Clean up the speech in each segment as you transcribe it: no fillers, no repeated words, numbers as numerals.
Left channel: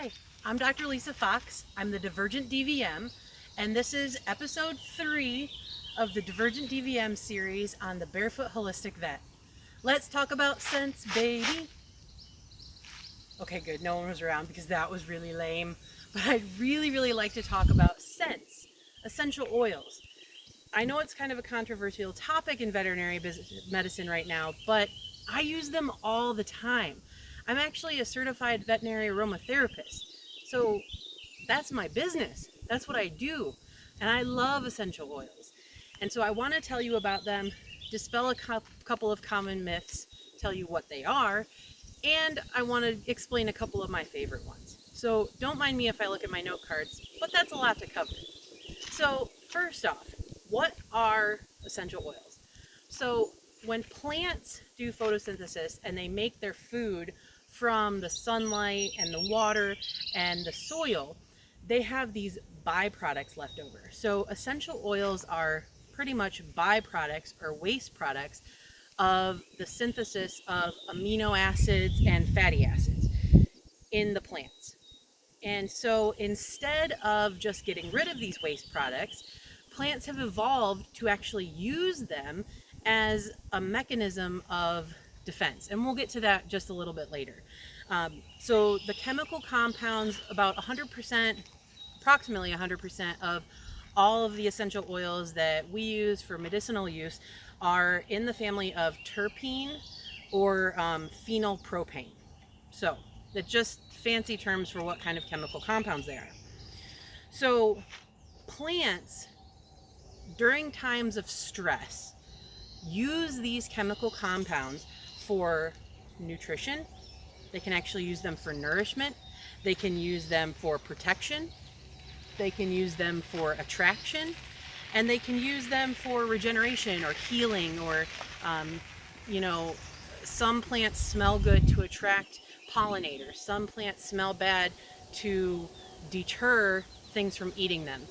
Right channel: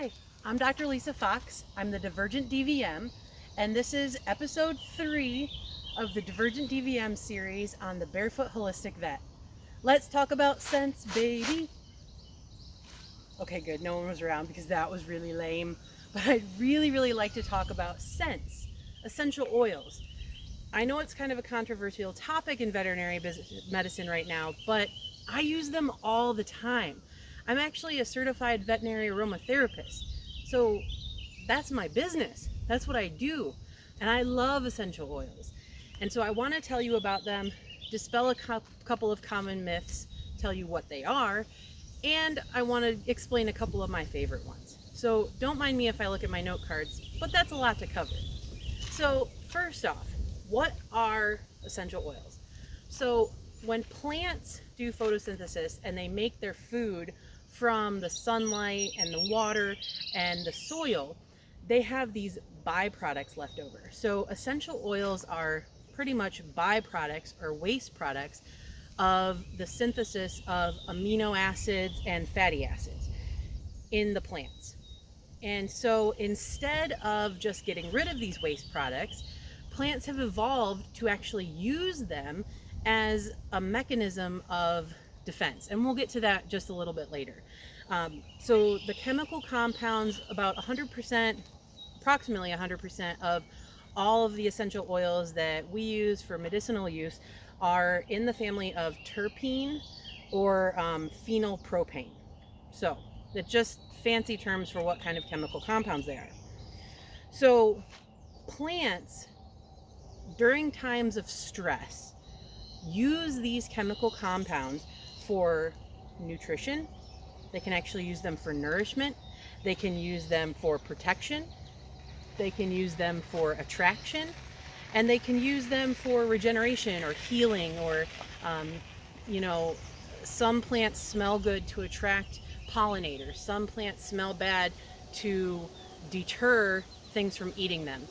Hi, I'm Dr. Lisa Fox. I'm the Divergent DVM, and this is episode 3 of the Divergent DVM series on the Barefoot Holistic Vet. Let's talk about scents, baby. Okay, good. No one was around because that was really lame. But I really like to talk about scents, essential oils. I know it's kind of a controversial topic in veterinary medicine right now, but I use them all the time. I'm actually a certified veterinary aromatherapist. So that's my business. That's what I do. And I love essential oils. And so I want to tell you about them, dispel a couple of common myths, tell you what they are, and I want to explain a couple of my favorite ones. So don't mind me if I look at my note cards, but that's a lot to cover. So first off, what are essential oils? So when plants do photosynthesis and they make their food from the sunlight and the water and the soil, they have these byproducts left over. So essential oils are pretty much byproducts or waste products of the synthesis of amino acids and fatty acids in the plants. And so instead of just getting rid of these waste products, plants have evolved to actually use them as a mechanism of defense. And we'll get to that just a little bit later. So the chemical compounds, about 100%, approximately 100% of all of the essential oils that we use for medicinal use are in the family of terpene or phenylpropane. So that's just fancy terms for what kind of chemical compounds they are. So plants, during times of stress, use these chemical compounds for nutrition. They can actually use them for nourishment. They can use them for protection. They can use them for attraction. And they can use them for regeneration or healing, or, some plants smell good to attract pollinators. Some plants smell bad to deter things from eating them.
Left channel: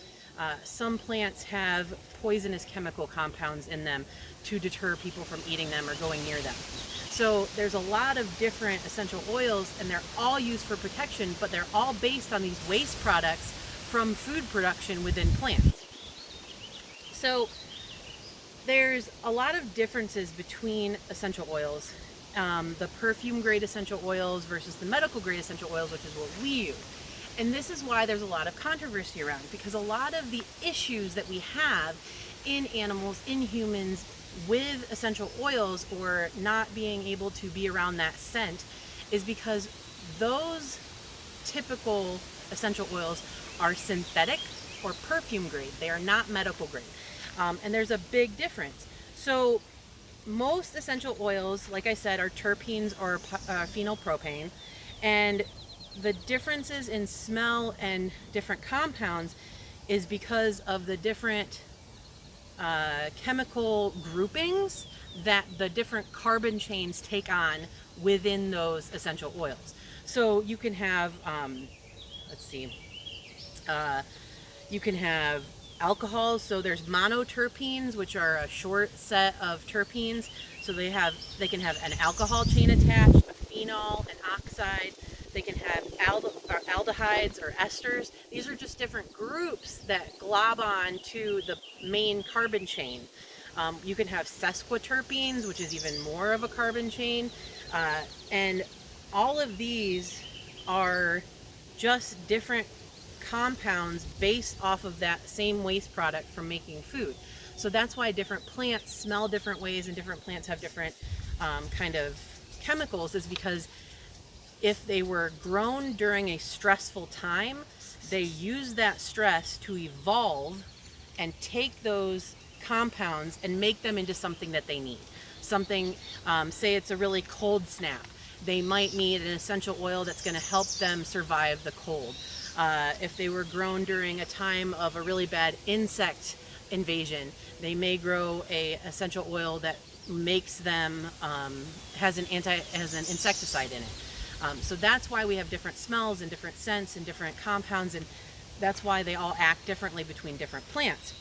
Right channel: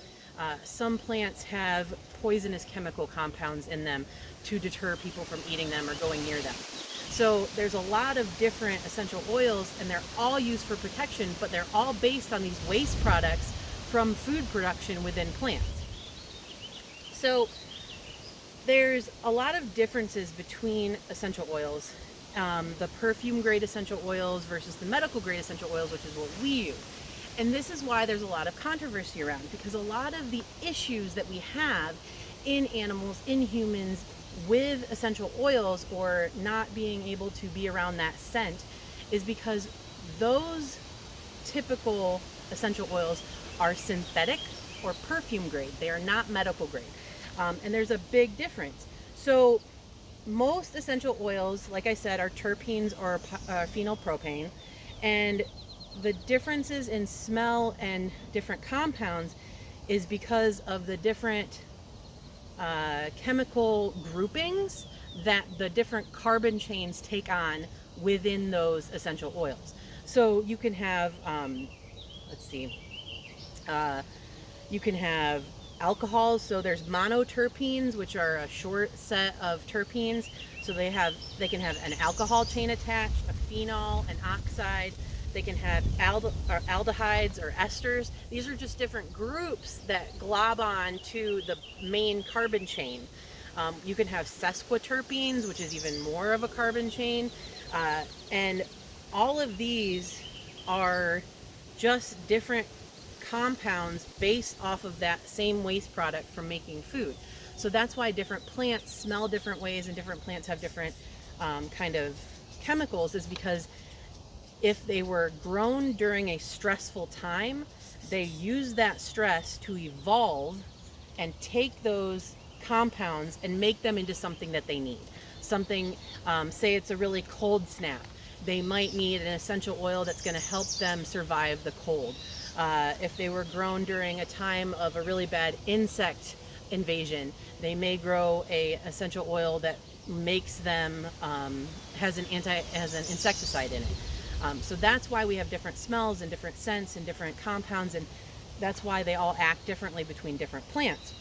Some plants have poisonous chemical compounds in them to deter people from eating them or going near them. So there's a lot of different essential oils, and they're all used for protection, but they're all based on these waste products from food production within plants. So there's a lot of differences between essential oils, the perfume grade essential oils versus the medical grade essential oils, which is what we use. And this is why there's a lot of controversy around, because a lot of the issues that we have in animals, in humans, with essential oils or not being able to be around that scent is because those typical essential oils are synthetic or perfume grade. They are not medical grade. And there's a big difference. So most essential oils, like I said, are terpenes or phenylpropane, and the differences in smell and different compounds is because of the different chemical groupings that the different carbon chains take on within those essential oils. So you can have, you can have alcohols. So there's monoterpenes, which are a short set of terpenes. So they can have an alcohol chain attached, a phenol, an oxide. They can have aldehydes or esters. These are just different groups that glob on to the main carbon chain. You can have sesquiterpenes, which is even more of a carbon chain. And all of these are just different compounds based off of that same waste product from making food. So that's why different plants smell different ways and different plants have different kind of chemicals, is because if they were grown during a stressful time, they use that stress to evolve and take those compounds and make them into something that they need. Something, say it's a really cold snap. They might need an essential oil that's going to help them survive the cold. If they were grown during a time of a really bad insect invasion, they may grow a essential oil that makes them, has an insecticide in it. So that's why we have different smells and different scents and different compounds, and that's why they all act differently between different plants.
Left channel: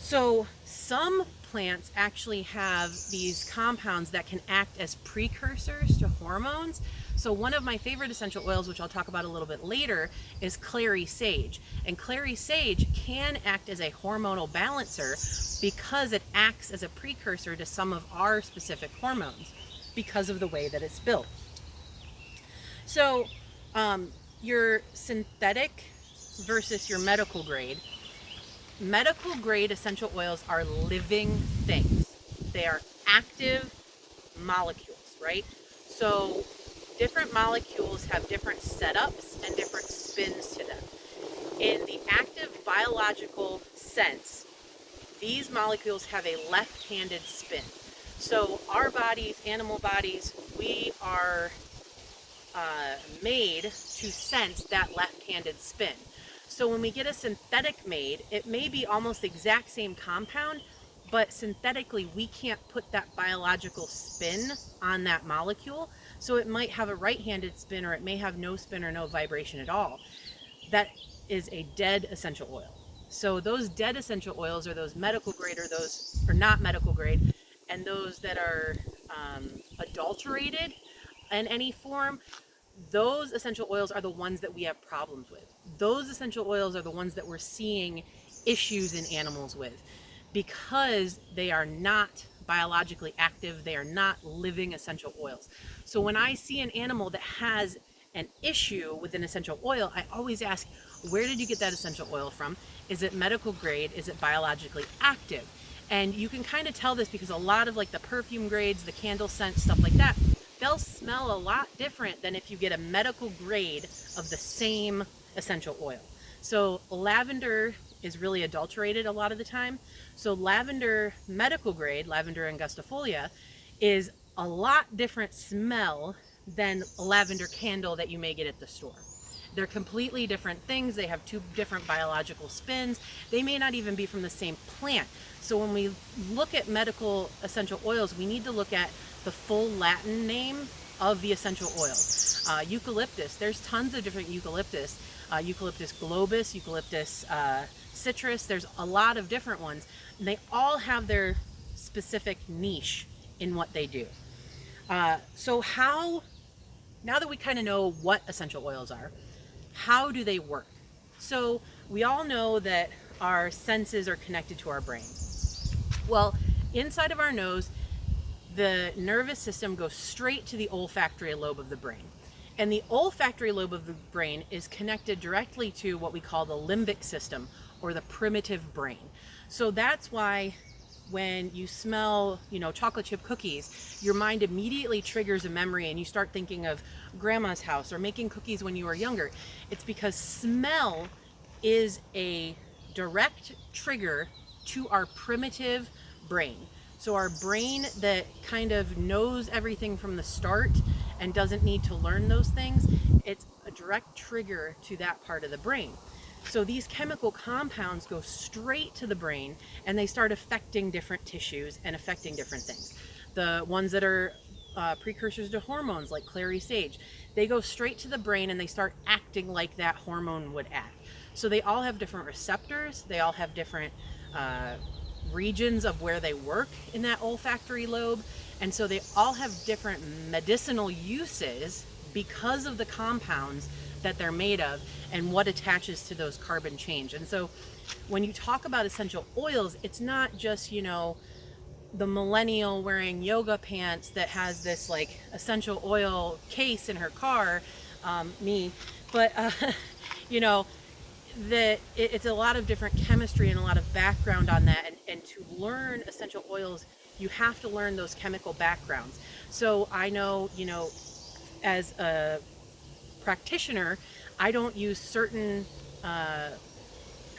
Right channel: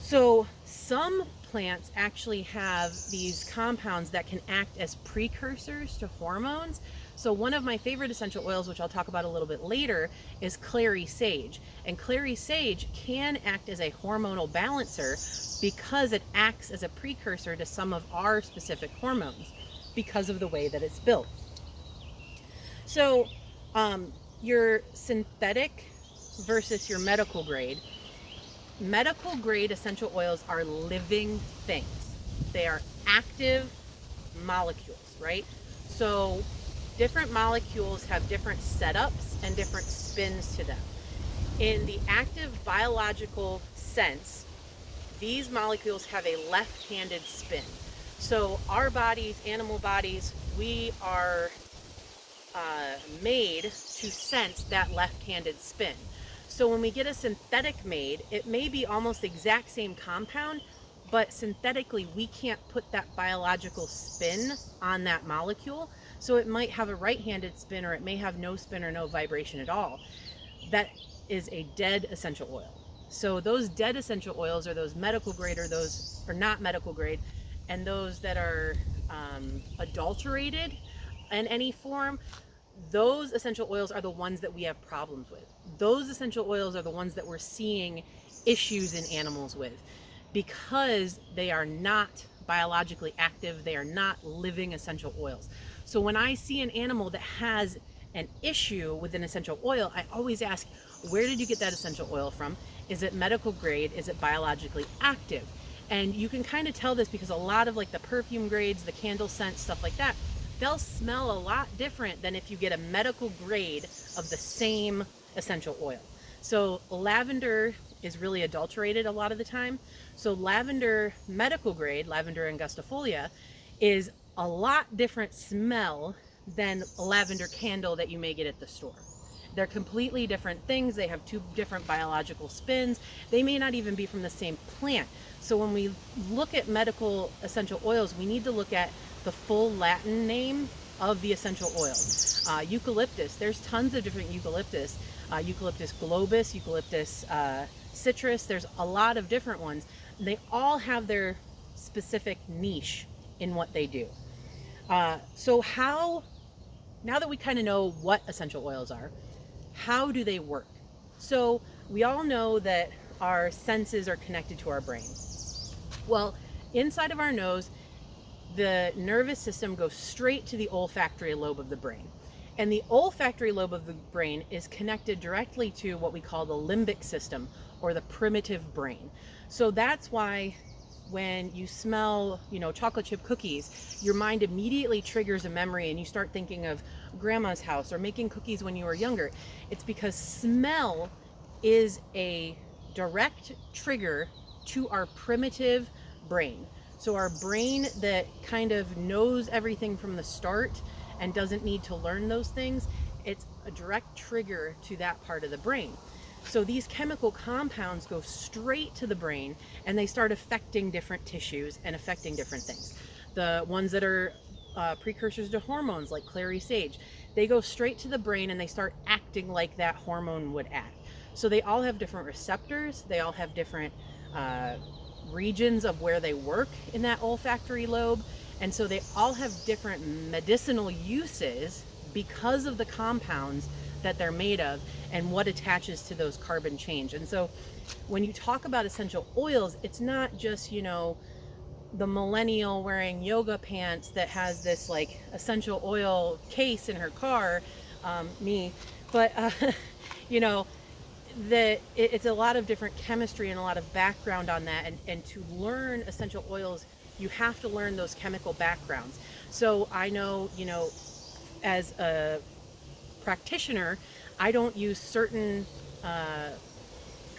So some plants actually have these compounds that can act as precursors to hormones. So one of my favorite essential oils, which I'll talk about a little bit later, is Clary Sage. And Clary Sage can act as a hormonal balancer because it acts as a precursor to some of our specific hormones because of the way that it's built. So your synthetic versus your medical grade. Medical grade essential oils are living things. They are active molecules, right? So different molecules have different setups and different spins to them. In the active biological sense, these molecules have a left-handed spin. So our bodies, animal bodies, we are made to sense that left-handed spin. So when we get a synthetic made, it may be almost the exact same compound, but synthetically we can't put that biological spin on that molecule. So it might have a right-handed spin, or it may have no spin or no vibration at all. That is a dead essential oil. So those dead essential oils are those medical grade, or those are not medical grade, and those that are adulterated in any form. Those essential oils are the ones that we have problems with. Those essential oils are the ones that we're seeing issues in animals with, because they are not biologically active. They are not living essential oils. So when I see an animal that has an issue with an essential oil, I always ask, where did you get that essential oil from? Is it medical grade? Is it biologically active? And you can kind of tell this because a lot of like the perfume grades, the candle scents, stuff like that, they'll smell a lot different than if you get a medical grade of the same essential oil. So lavender is really adulterated a lot of the time. So lavender medical grade, lavender angustifolia, is a lot different smell than a lavender candle that you may get at the store. They're completely different things. They have two different biological spins. They may not even be from the same plant. So when we look at medical essential oils, we need to look at the full Latin name of the essential oils. Eucalyptus, there's tons of different eucalyptus. Eucalyptus globus, Eucalyptus citrus, there's a lot of different ones. And they all have their specific niche in what they do. So now that we kind of know what essential oils are, how do they work? So we all know that our senses are connected to our brain. Well, inside of our nose, the nervous system goes straight to the olfactory lobe of the brain. And the olfactory lobe of the brain is connected directly to what we call the limbic system, or the primitive brain. So that's why when you smell, chocolate chip cookies, your mind immediately triggers a memory and you start thinking of grandma's house or making cookies when you were younger. It's because smell is a direct trigger to our primitive brain. So our brain that kind of knows everything from the start and doesn't need to learn those things, it's a direct trigger to that part of the brain. So these chemical compounds go straight to the brain and they start affecting different tissues and affecting different things. The ones that are precursors to hormones, like Clary Sage, they go straight to the brain and they start acting like that hormone would act. So they all have different receptors, they all have different regions of where they work in that olfactory lobe, and so they all have different medicinal uses because of the compounds that they're made of and what attaches to those carbon chains. And so when you talk about essential oils, it's not just the millennial wearing yoga pants that has this like essential oil case in her car, me, but that it's a lot of different chemistry and a lot of background on that, and to learn essential oils you have to learn those chemical backgrounds. So I know, as a practitioner, I don't use certain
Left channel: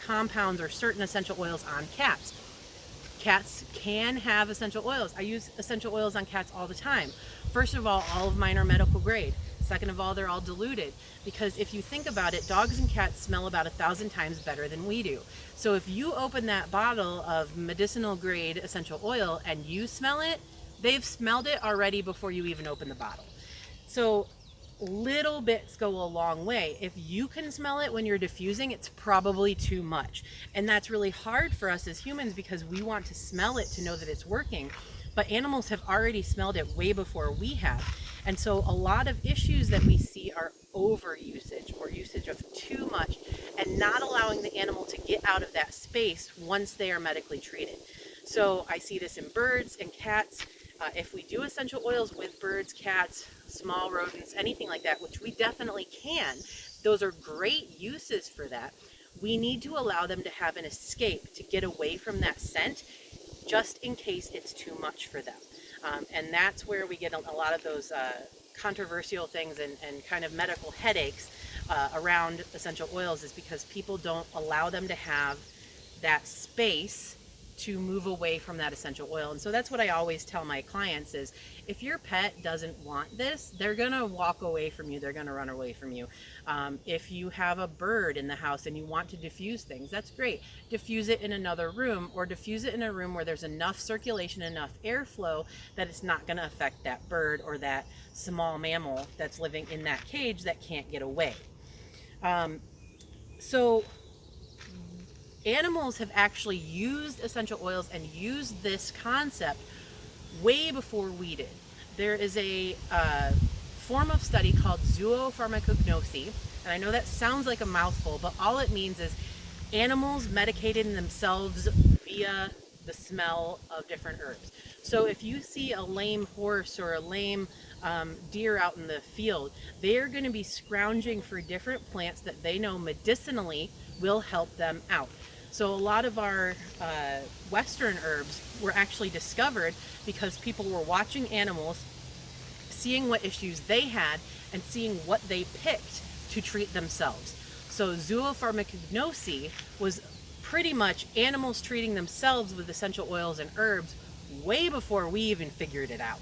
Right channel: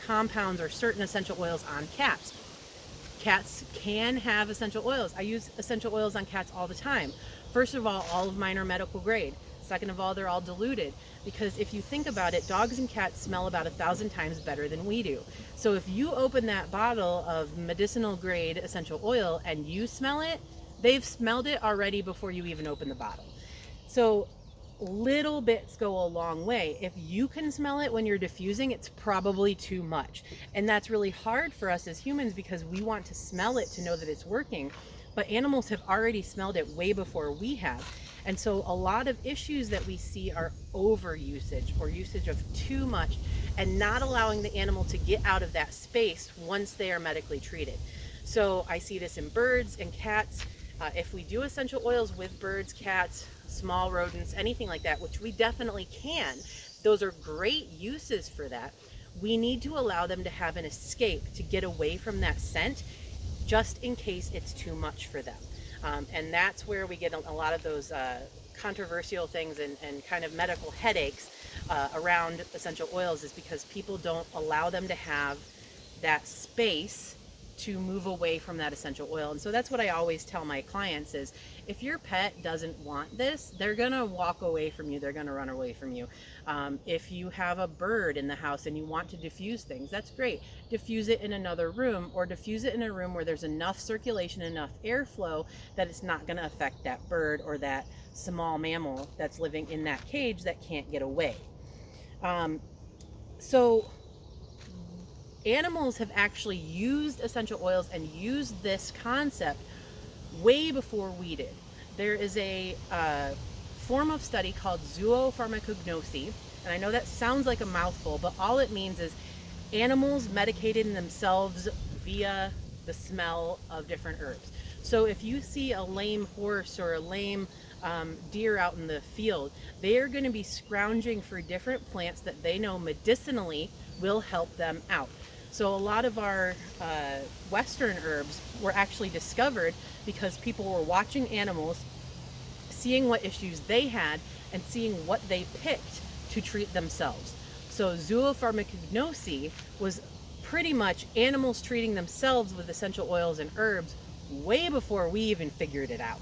compounds or certain essential oils on cats. Cats can have essential oils. I use essential oils on cats all the time. First of all of mine are medical grade. Second of all, they're all diluted, because if you think about it, dogs and cats smell about 1,000 times better than we do. So if you open that bottle of medicinal grade essential oil and you smell it, they've smelled it already before you even open the bottle. So little bits go a long way. If you can smell it when you're diffusing, it's probably too much. And that's really hard for us as humans because we want to smell it to know that it's working. But animals have already smelled it way before we have. And so a lot of issues that we see are overusage or usage of too much and not allowing the animal to get out of that space once they are medically treated. So I see this in birds and cats. If we do essential oils with birds, cats, small rodents, anything like that, which we definitely can, those are great uses for that. We need to allow them to have an escape to get away from that scent, just in case it's too much for them. And that's where we get a lot of those controversial things and kind of medical headaches around essential oils, is because people don't allow them to have that space to move away from that essential oil. And so that's what I always tell my clients is, if your pet doesn't want this, they're gonna walk away from you, they're gonna run away from you. If you have a bird in the house and you want to diffuse things, that's great. Diffuse it in another room, or diffuse it in a room where there's enough circulation, enough airflow that it's not gonna affect that bird or that small mammal that's living in that cage that can't get away. So animals have actually used essential oils and used this concept way before we did. There is a form of study called zoopharmacognosy, and I know that sounds like a mouthful, but all it means is animals medicating themselves via the smell of different herbs. So if you see a lame horse or a lame deer out in the field, they are going to be scrounging for different plants that they know medicinally will help them out. So a lot of our Western herbs were actually discovered because people were watching animals, seeing what issues they had, and seeing what they picked to treat themselves. So zoopharmacognosy was pretty much animals treating themselves with essential oils and herbs way before we even figured it out.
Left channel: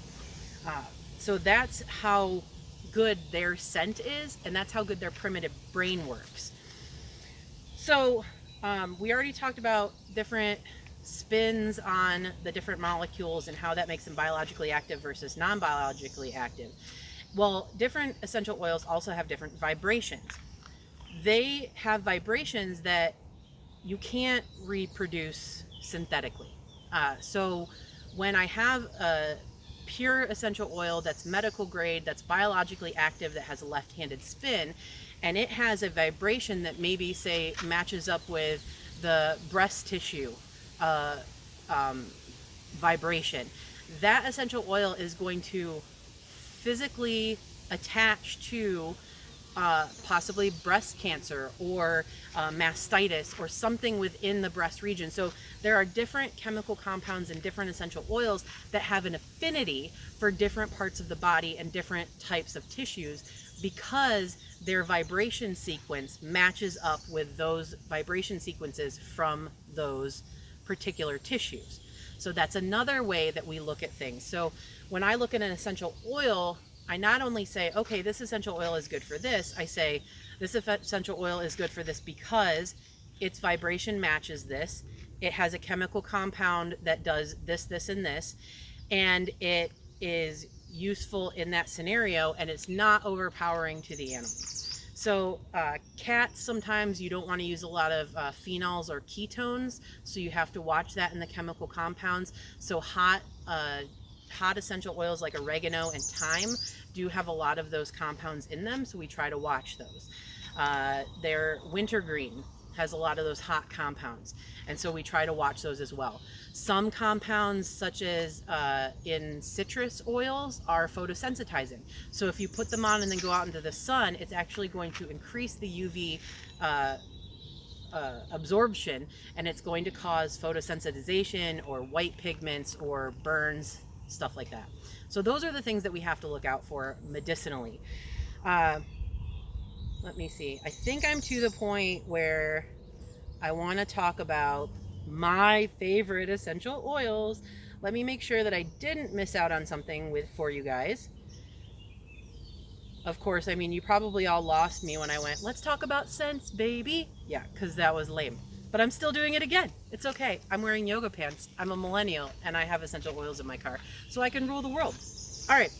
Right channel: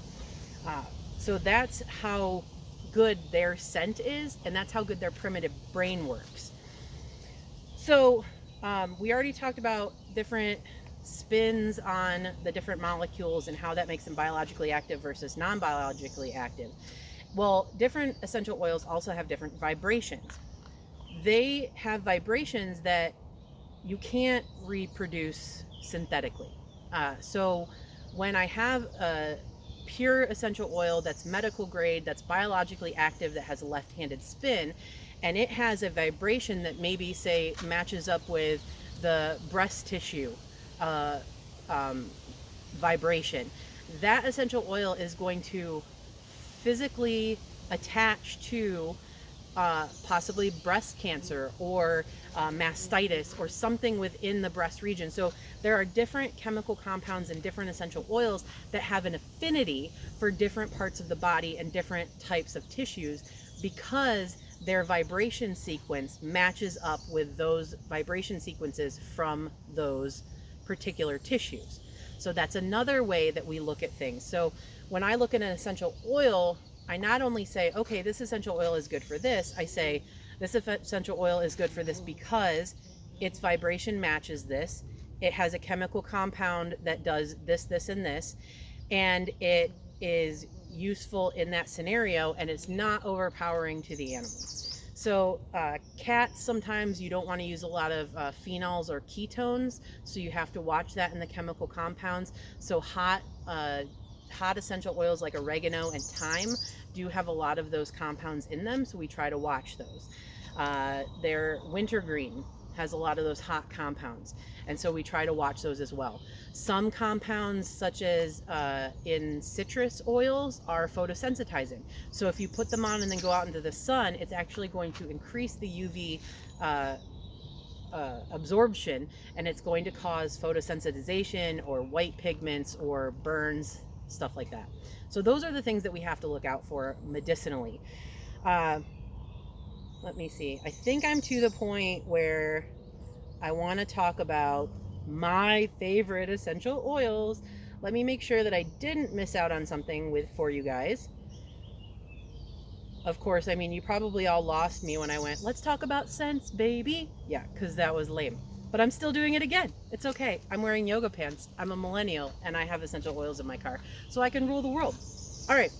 So that's how good their scent is, and that's how good their primitive brain works. So we already talked about different spins on the different molecules and how that makes them biologically active versus non-biologically active. Well, different essential oils also have different vibrations. They have vibrations that you can't reproduce synthetically. So when I have a pure essential oil that's medical grade, that's biologically active, that has a left-handed spin, and it has a vibration that maybe, say, matches up with the breast tissue vibration, that essential oil is going to physically attach to possibly breast cancer or mastitis or something within the breast region. So there are different chemical compounds and different essential oils that have an affinity for different parts of the body and different types of tissues, because their vibration sequence matches up with those vibration sequences from those particular tissues. So that's another way that we look at things. So when I look at an essential oil, I not only say, okay, this essential oil is good for this, I say this essential oil is good for this because its vibration matches this, it has a chemical compound that does this, this, and this, and it is useful in that scenario, and it's not overpowering to the animal. So cats, sometimes you don't want to use a lot of phenols or ketones, so you have to watch that in the chemical compounds. So hot essential oils like oregano and thyme do have a lot of those compounds in them, so we try to watch those. Their wintergreen has a lot of those hot compounds, and so we try to watch those as well. Some compounds, such as in citrus oils, are photosensitizing. So if you put them on and then go out into the sun, it's actually going to increase the UV absorption, and it's going to cause photosensitization or white pigments or burns, stuff like that. So those are the things that we have to look out for medicinally. Let me see. I think I'm to the point where I want to talk about my favorite essential oils. Let me make sure that I didn't miss out on something for you guys. Of course, I mean, you probably all lost me when I went, let's talk about scents, baby. Yeah, because that was lame. But I'm still doing it again. It's okay. I'm wearing yoga pants. I'm a millennial, and I have essential oils in my car, so I can rule the world. All right.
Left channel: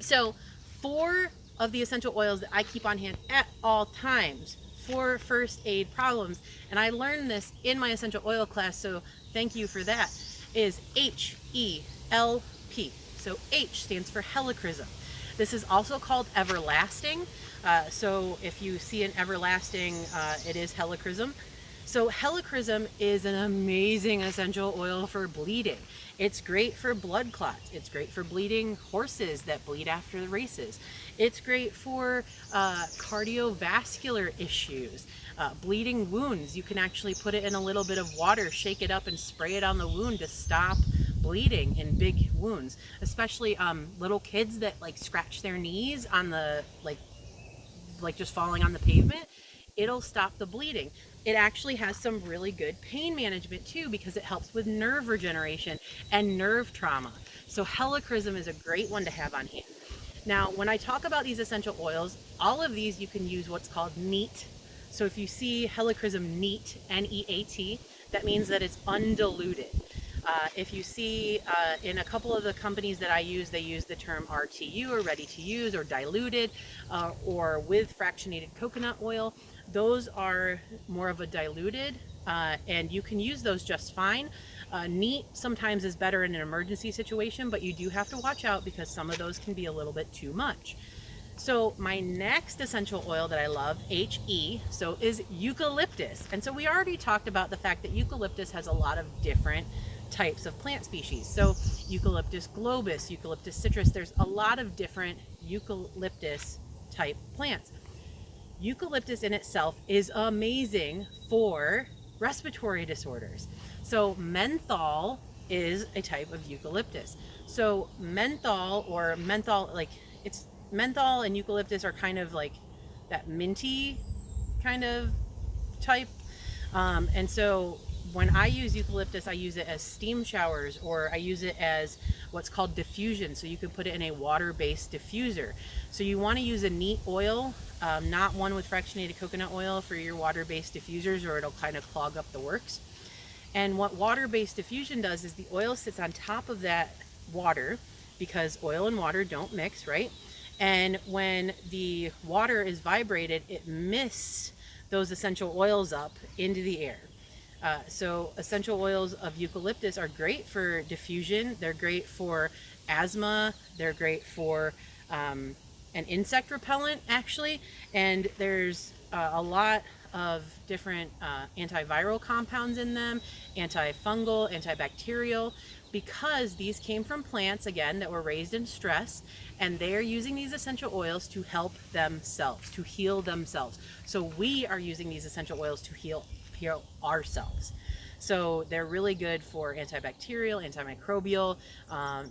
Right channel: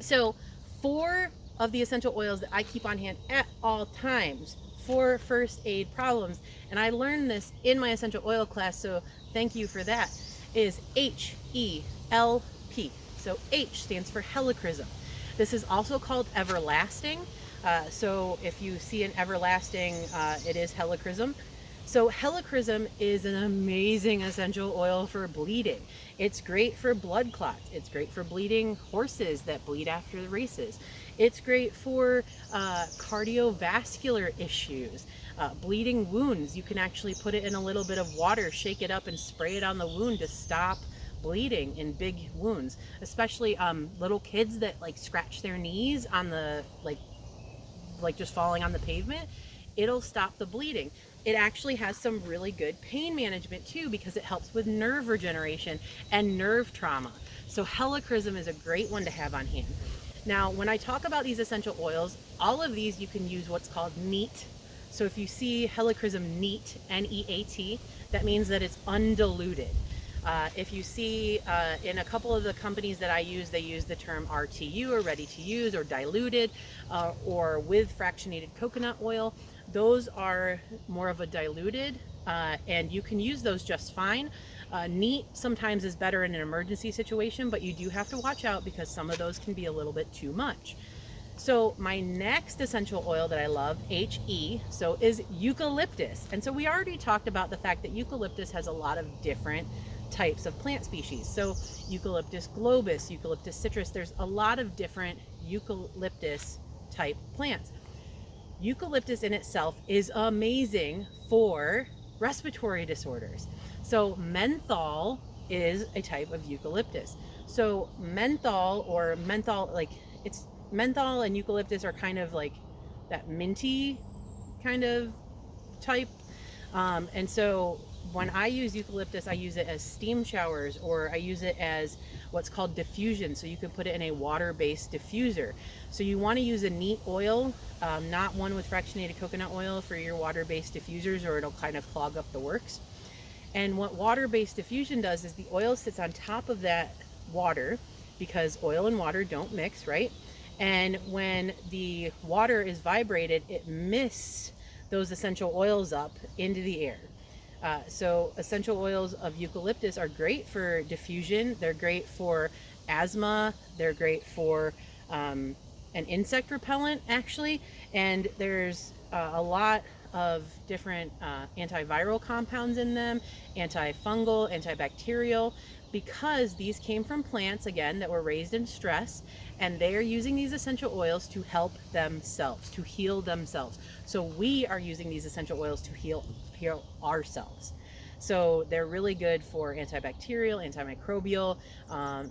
So 4 of the essential oils that I keep on hand at all times for first aid problems, and I learned this in my essential oil class, so thank you for that, is HELP. So H stands for helichrysum. This is also called everlasting. So if you see an everlasting, it is helichrysum. So helichrysum is an amazing essential oil for bleeding. It's great for blood clots. It's great for bleeding horses that bleed after the races. It's great for cardiovascular issues, bleeding wounds. You can actually put it in a little bit of water, shake it up and spray it on the wound to stop bleeding in big wounds, especially little kids that like scratch their knees on the like just falling on the pavement. It'll stop the bleeding. It actually has some really good pain management too, because it helps with nerve regeneration and nerve trauma. So helichrysum is a great one to have on hand. Now, when I talk about these essential oils, all of these you can use what's called neat. So if you see helichrysum neat, N-E-A-T, that means that it's undiluted. If you see in a couple of the companies that I use, they use the term RTU, or ready to use, or diluted, or with fractionated coconut oil. Those are more of a diluted, and you can use those just fine. Neat sometimes is better in an emergency situation, but you do have to watch out because some of those can be a little bit too much. So my next essential oil that I love, HE, so is eucalyptus. And so we already talked about the fact that eucalyptus has a lot of different types of plant species. So Eucalyptus globus, Eucalyptus citrus, there's a lot of different eucalyptus type plants. Eucalyptus in itself is amazing for respiratory disorders. So menthol is a type of eucalyptus. So menthol, or menthol, like it's menthol and eucalyptus are kind of like that minty kind of type. And so when I use eucalyptus, I use it as steam showers, or I use it as what's called diffusion. So you can put it in a water-based diffuser. So you want to use a neat oil, not one with fractionated coconut oil for your water-based diffusers, or it'll kind of clog up the works. And what water-based diffusion does is the oil sits on top of that water, because oil and water don't mix, right? And when the water is vibrated, it mists those essential oils up into the air. So essential oils of eucalyptus are great for diffusion. They're great for asthma. They're great for an insect repellent, actually. And there's a lot of different antiviral compounds in them, antifungal, antibacterial, because these came from plants, again, that were raised in stress, and they are using these essential oils to help themselves, to heal themselves. So we are using these essential oils to heal ourselves. So they're really good for antibacterial, antimicrobial,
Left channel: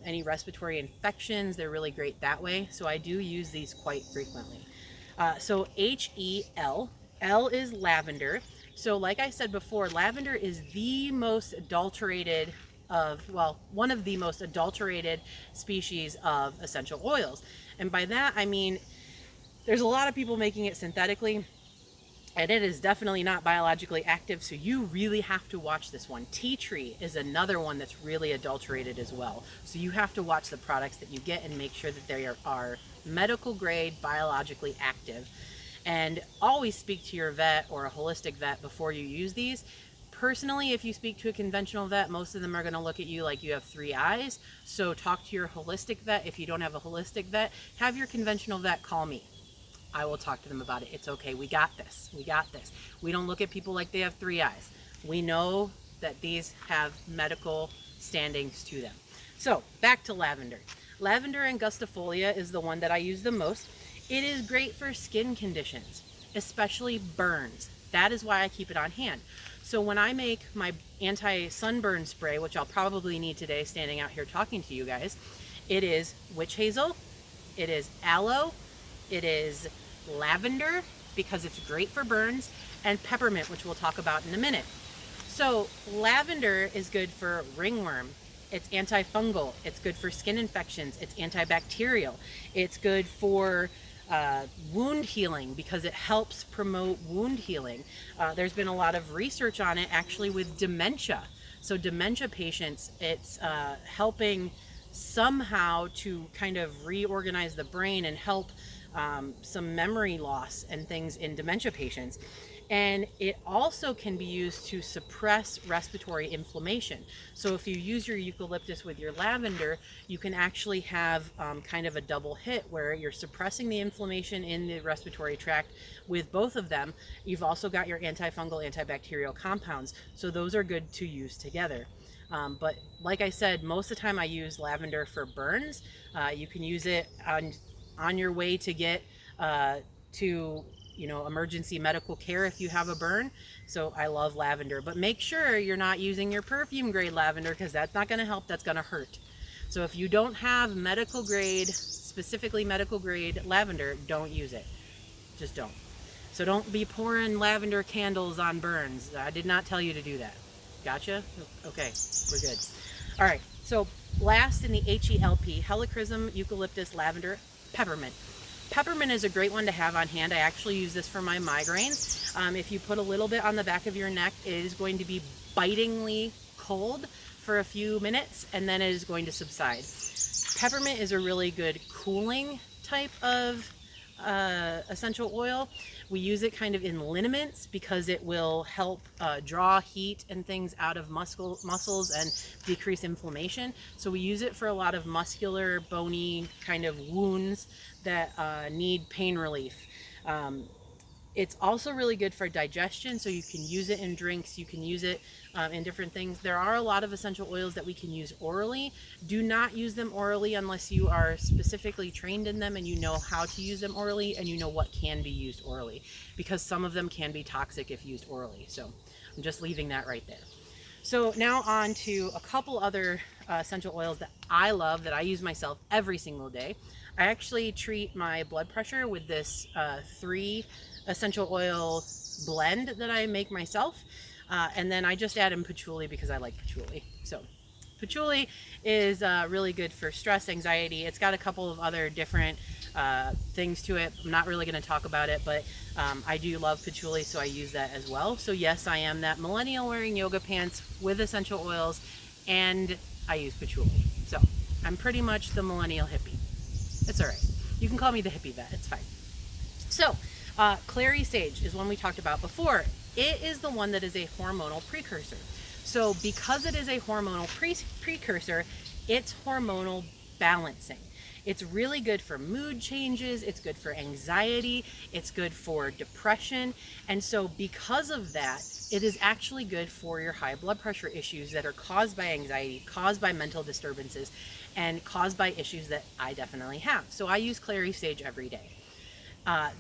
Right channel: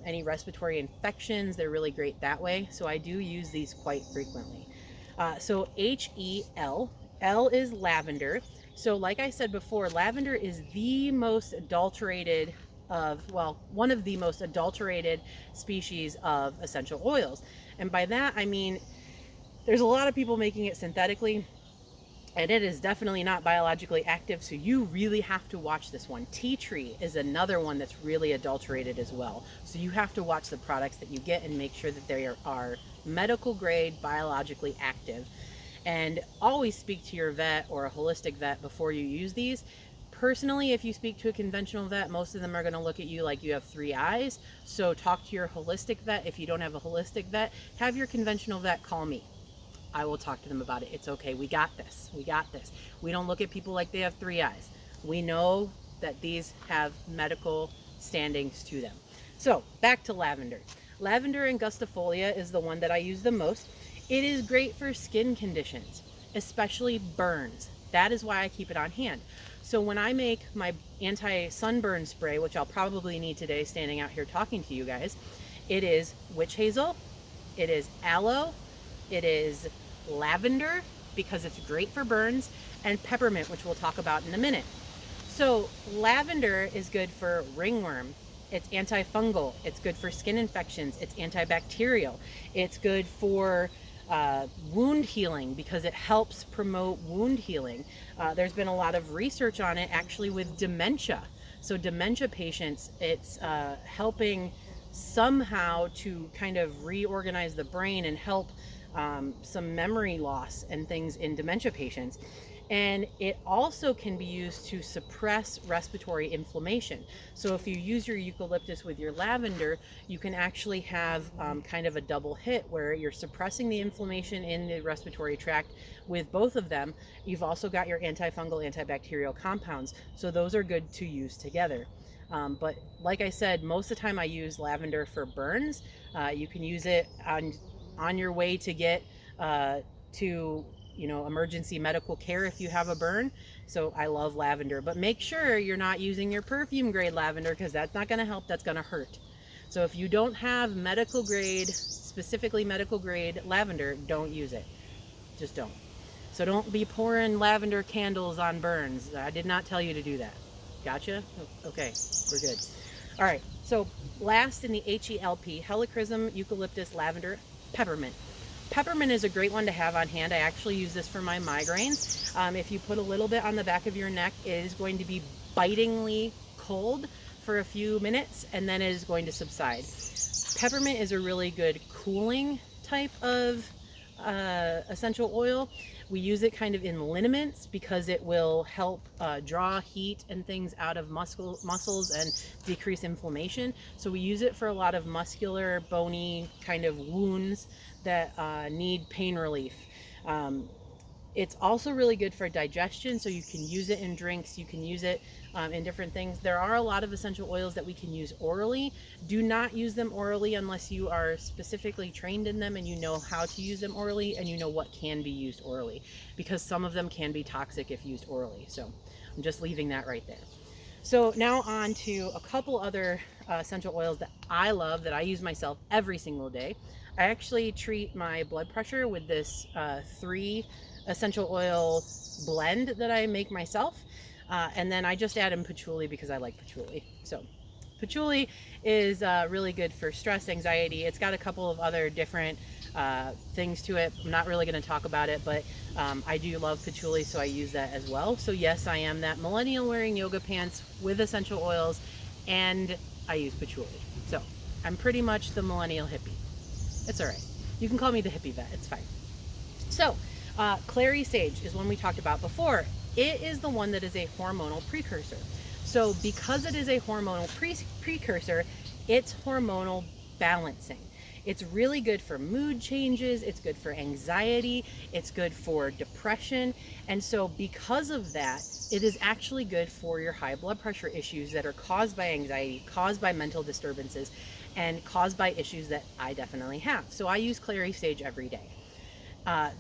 any respiratory infections. They're really great that way. So I do use these quite frequently. So HEL, L is lavender. So like I said before, lavender is the most adulterated of, well, one of the most adulterated species of essential oils. And by that, I mean, there's a lot of people making it synthetically, and it is definitely not biologically active, so you really have to watch this one. Tea tree is another one that's really adulterated as well. So you have to watch the products that you get and make sure that they are medical grade, biologically active. And always speak to your vet or a holistic vet before you use these. Personally, if you speak to a conventional vet, most of them are going to look at you like you have three eyes. So talk to your holistic vet. If you don't have a holistic vet, have your conventional vet call me. I will talk to them about it. It's okay. We got this. We got this. We don't look at people like they have three eyes. We know that these have medical standings to them. So back to lavender. Lavender angustifolia is the one that I use the most. It is great for skin conditions, especially burns. That is why I keep it on hand. So when I make my anti-sunburn spray, which I'll probably need today standing out here talking to you guys, it is witch hazel, it is aloe, it is lavender, because it's great for burns, and peppermint, which we'll talk about in a minute. So lavender is good for ringworm. It's antifungal. It's good for skin infections. It's antibacterial. It's good for wound healing, because it helps promote wound healing. There's been a lot of research on it actually with dementia. So dementia patients, it's helping somehow to kind of reorganize the brain and help some memory loss and things in dementia patients. And it also can be used to suppress respiratory inflammation. So if you use your eucalyptus with your lavender, you can actually have kind of a double hit where you're suppressing the inflammation in the respiratory tract with both of them. You've also got your antifungal, antibacterial compounds. So those are good to use together. But like I said, most of the time I use lavender for burns. You can use it on your way to get to emergency medical care if you have a burn. So I love lavender, but make sure you're not using your perfume grade lavender, because that's not going to help, that's going to hurt. So if you don't have medical grade, specifically medical grade lavender, don't use it. Just don't. So don't be pouring lavender candles on burns. I did not tell you to do that. Gotcha? Okay, we're good. All right, so last in the HELP, helichrysum, eucalyptus, lavender, peppermint. Peppermint is a great one to have on hand. I actually use this for my migraines. If you put a little bit on the back of your neck, it is going to be bitingly cold for a few minutes, and then it is going to subside. Peppermint is a really good cooling type of essential oil. We use it kind of in liniments because it will help draw heat and things out of muscles and decrease inflammation. So we use it for a lot of muscular, bony kind of wounds that need pain relief. It's also really good for digestion, so you can use it in drinks, you can use it in different things. There are a lot of essential oils that we can use orally. Do not use them orally unless you are specifically trained in them and you know how to use them orally and you know what can be used orally, because some of them can be toxic if used orally. So I'm just leaving that right there. So now on to a couple other essential oils that I love, that I use myself every single day. I actually treat my blood pressure with this 3 essential oil blend that I make myself. And then I just add in patchouli because I like patchouli. So patchouli is really good for stress, anxiety. It's got a couple of other different things to it. I'm not really going to talk about it, but I do love patchouli, so I use that as well. So yes, I am that millennial wearing yoga pants with essential oils, and I use patchouli. So I'm pretty much the millennial hippie. It's all right. You can call me the hippie vet. It's fine. So Clary Sage is one we talked about before. It is the one that is a hormonal precursor. So because it is a hormonal precursor, it's hormonal balancing. It's really good for mood changes. It's good for anxiety. It's good for depression. And so because of that, it is actually good for your high blood pressure issues that are caused by anxiety, caused by mental disturbances, and caused by issues that I definitely have. So I use Clary Sage every day.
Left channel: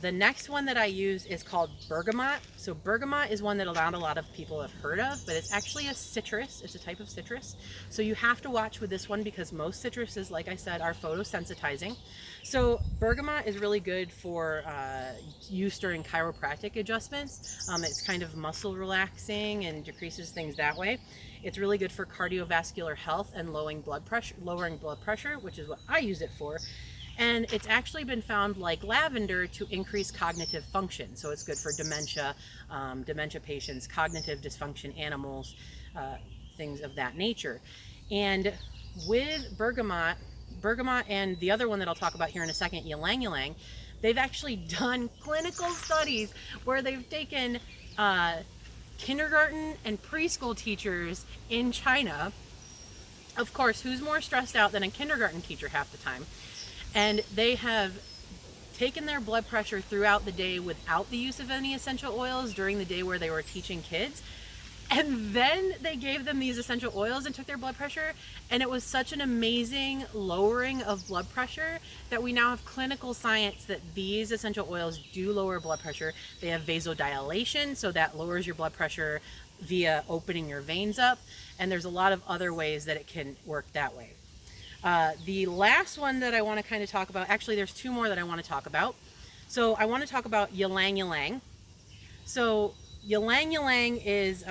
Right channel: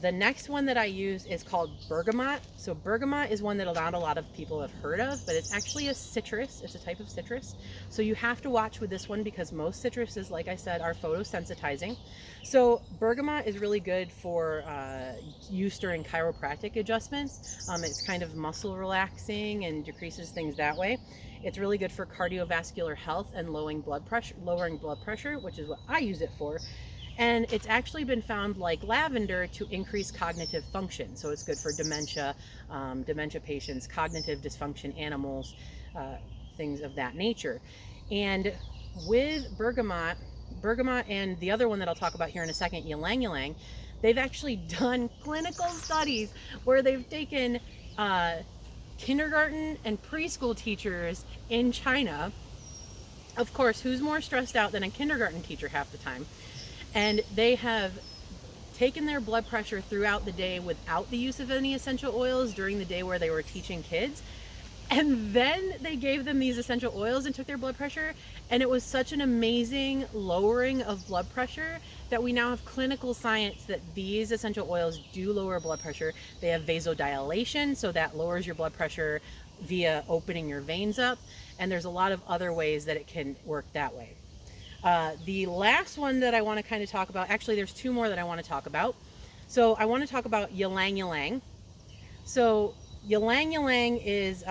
The next one that I use is called Bergamot. So Bergamot is one that not a lot of people have heard of, but it's actually a citrus. It's a type of citrus. So you have to watch with this one because most citruses, like I said, are photosensitizing. So Bergamot is really good for use during chiropractic adjustments. It's kind of muscle relaxing and decreases things that way. It's really good for cardiovascular health and lowering blood pressure, which is what I use it for. And it's actually been found, like lavender, to increase cognitive function. So it's good for dementia, dementia patients, cognitive dysfunction, animals, things of that nature. And with bergamot and the other one that I'll talk about here in a second, Ylang Ylang, they've actually done clinical studies where they've taken kindergarten and preschool teachers in China. Of course, who's more stressed out than a kindergarten teacher half the time? And they have taken their blood pressure throughout the day without the use of any essential oils during the day where they were teaching kids. And then they gave them these essential oils and took their blood pressure. And it was such an amazing lowering of blood pressure that we now have clinical science that these essential oils do lower blood pressure. They have vasodilation, so that lowers your blood pressure via opening your veins up. And there's a lot of other ways that it can work that way. The last one that I want to kind of talk about, actually there's 2 more that I want to talk about. So I want to talk about Ylang Ylang. So Ylang Ylang is,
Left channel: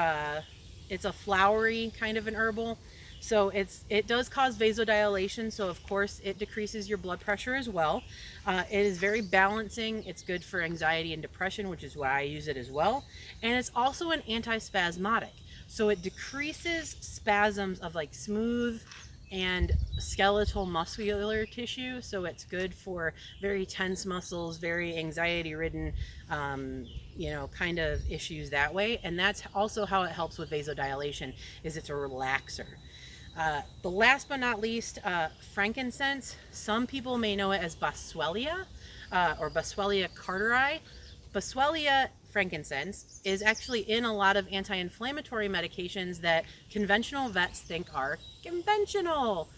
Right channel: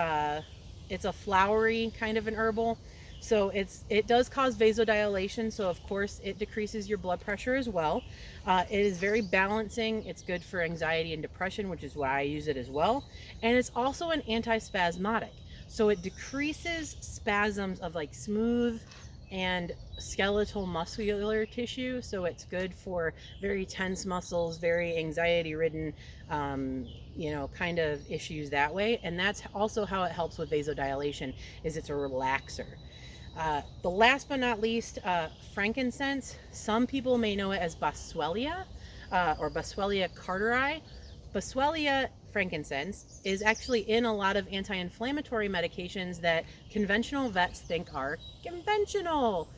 it's a flowery kind of an herbal. So it does cause vasodilation. So of course it decreases your blood pressure as well. It is very balancing. It's good for anxiety and depression, which is why I use it as well. And it's also an antispasmodic. So it decreases spasms of like smooth and skeletal muscular tissue. So it's good for very tense muscles, very anxiety ridden, kind of issues that way. And that's also how it helps with vasodilation, is it's a relaxer. The last but not least, frankincense. Some people may know it as Boswellia or Boswellia carteri. Boswellia frankincense is actually in a lot of anti-inflammatory medications that conventional vets think are conventional.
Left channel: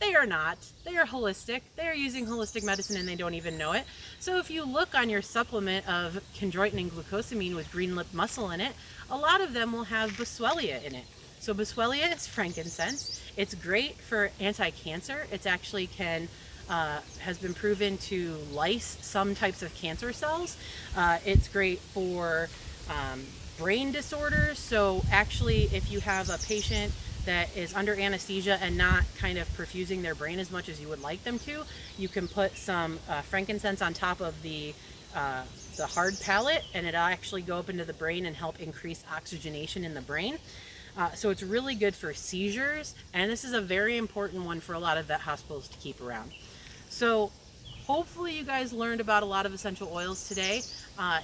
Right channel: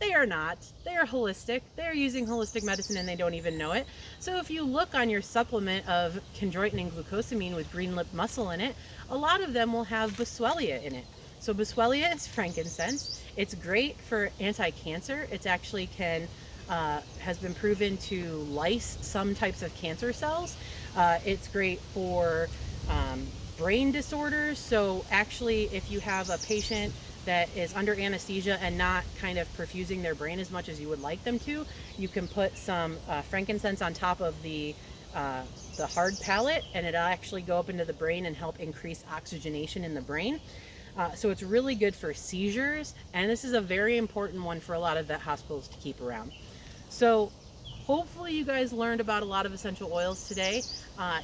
They are not. They are holistic. They are using holistic medicine and they don't even know it. So if you look on your supplement of chondroitin and glucosamine with green lip mussel in it, a lot of them will have Boswellia in it. So Boswellia is frankincense. It's great for anti-cancer. It's actually has been proven to lyse some types of cancer cells. It's great for brain disorders. So actually, if you have a patient that is under anesthesia and not kind of perfusing their brain as much as you would like them to, you can put some frankincense on top of the hard palate, and it'll actually go up into the brain and help increase oxygenation in the brain. So it's really good for seizures, and this is a very important one for a lot of vet hospitals to keep around. So hopefully you guys learned about a lot of essential oils today.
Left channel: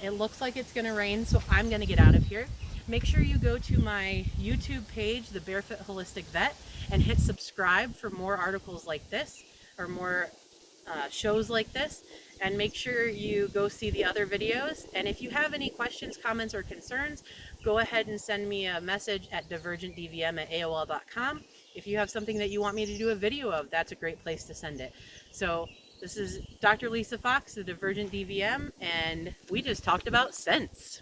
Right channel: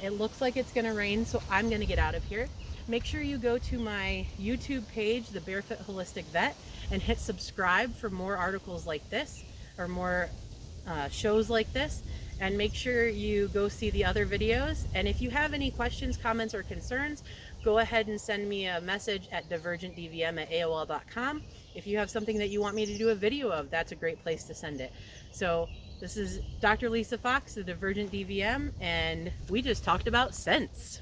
It looks like it's going to rain, so I'm going to get out of here. Make sure you go to my YouTube page, The Barefoot Holistic Vet, and hit subscribe for more articles like this, or more shows like this. And make sure you go see the other videos. And if you have any questions, comments, or concerns, go ahead and send me a message at divergentdvm@aol.com. If you have something that you want me to do a video of, that's a great place to send it. So this is Dr. Lisa Fox, the Divergent DVM, and we just talked about scents.